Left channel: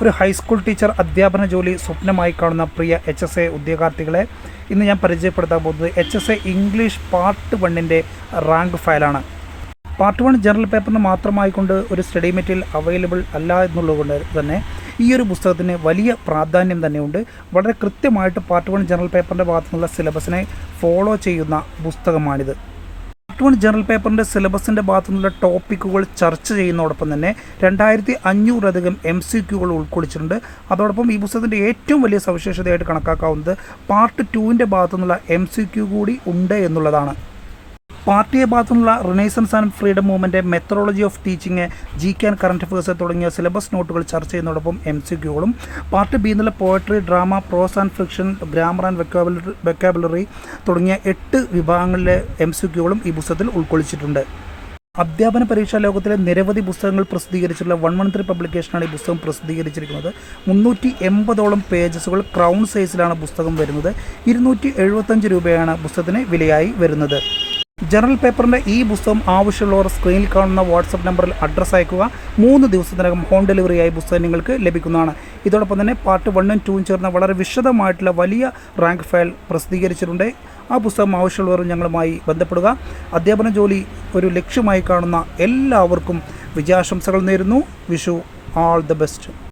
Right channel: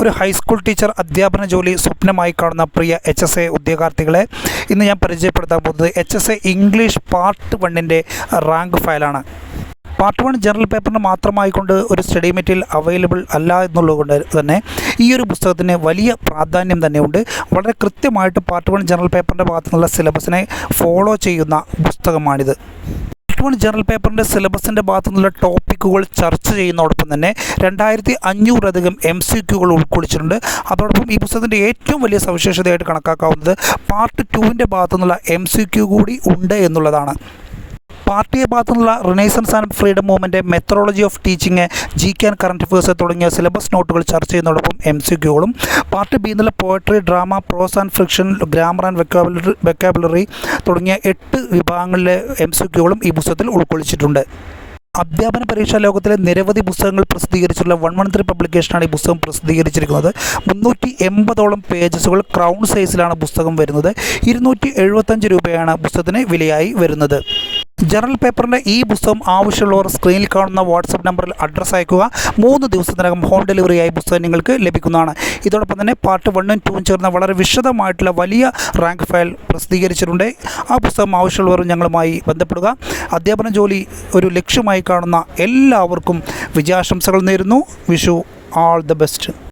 ഒരു high school teacher അധ്യാപന ജോലി സ്വപ്നമായി കാണുന്ന പ്രിയ HSA ഉദ്യോഗാർത്ഥികളെ ഇന്ന് ഞാൻ പരിചയപ്പെടുത്താൻ പോകുന്നത് HSA ഇംഗ്ലീഷ് പാർട്ട് 1ൻ്റെ റാങ്ക് ഫയലാണ്. പാർട്ട് 1 ജനറൽ പേപ്പറിന് മാത്രമായിക്കൊണ്ട് ഒരു സ്റ്റഡി മെറ്റീരിയൽ അവൈലബിൾ അല്ല എന്നുള്ളതുകൊണ്ട് തന്നെ ഈ ഒരു പുസ്തകത്തിന് വലിയ പ്രാധാന്യം തന്നെയുണ്ട്. വളരെ കൃത്യമായിട്ട് പാർട്ട് 1 ജനറൽ പേപ്പറിൻ്റെ ഭാഗത്തുനിന്നുള്ള സിലബസിനെ ഫോളോ ചെയ്യുന്ന പുസ്തകമാണിത്. പാർട്ട് 1 ജനറൽ പേപ്പറിൻ്റെ സിലബസിൻ്റെ ഭാഗത്തു നിന്നുള്ള ടോപ്പിക്കുകൾ ചർച്ച ചെയ്യുന്നതോടൊപ്പം തന്നെ 2500 MCQകൾ ഉൾക്കൊള്ളിച്ചിട്ടുണ്ട്. അതോടൊപ്പം ഈ പുസ്തകത്തിൻ്റെ ഏറ്റവും വലിയ സവിശേഷതയായിട്ട് കണക്കാക്കാവുന്നത് പാർട്ട് 2ൻ്റെ ഭാഗത്തു നിന്നുള്ള MCQ കൂടി ഉണ്ട് എന്നുള്ളതാണ്. പാർട്ട് എ ഭാഗത്തുനിന്നുള്ള renaissance and freedom movement, methodology of teaching, GK and current affairs തുടങ്ങിയ സിലബസ് നോട്ടുകൾ ചർച്ച ചെയ്യുന്നതോടൊപ്പം MCQകളും, പാർട്ട് ബി എന്നുള്ള poetry, drama, prose and fiction, grammar and vocabulary തുടങ്ങിയ 8 വിഭാഗങ്ങളിലെ MCQകളും ഈ പുസ്തകത്തിൽ ഉൾക്കൊള്ളിച്ചിട്ടുണ്ട്. അധ്യാപന പരീക്ഷാ ലോകത്തിലെ നിരവധി പുസ്തകങ്ങൾ പ്രസിദ്ധീകരിച്ചിട്ടുള്ള 113 പബ്ലിക്കേഷനാണ് ഈ പുസ്തകം പ്രസിദ്ധീകരിച്ചിരിക്കുന്നത്. 380ഓളം പേജസുകൾ ക്രൗൺ സൈസിലാണ് പുസ്തകം വരുന്നത്. 275 രൂപയാണ് പുസ്തകത്തിന് വിലയായി വരുന്നത്. ജനറൽ പേപ്പറിൻ്റെ ഈ പുസ്തകം ആവശ്യമുള്ളവർ സ്ക്രീനിൽ കാണുന്ന വാട്സപ്പ് നമ്പറിൽ അഡ്രസ്സ് അയക്കുക. 3 ദിവസത്തിനകം ഹോം ഡെലിവറിയായി പുസ്തകം നിങ്ങൾക്ക് ലഭിക്കുന്നതാണ്. ഇതോടൊപ്പം തന്നെ പാർട്ട് 1ഉം 2ഉം ചേർന്ന വളരെ വിശദമായിട്ടുള്ള വലിയ റാങ്ക് ഫയൽ പ്രസിദ്ധീകരിച്ചിട്ടുണ്ട്. ആ പുസ്തകം ആവശ്യമുള്ളവർ ഞങ്ങളുമായി ബന്ധപ്പെടുക. അധ്യാപന ജോലി ഒരു ലക്ഷ്യമായി കാണുന്ന എല്ലാവർക്കും വിജയാശംസകൾ നേരുന്നു. Vishu all the best.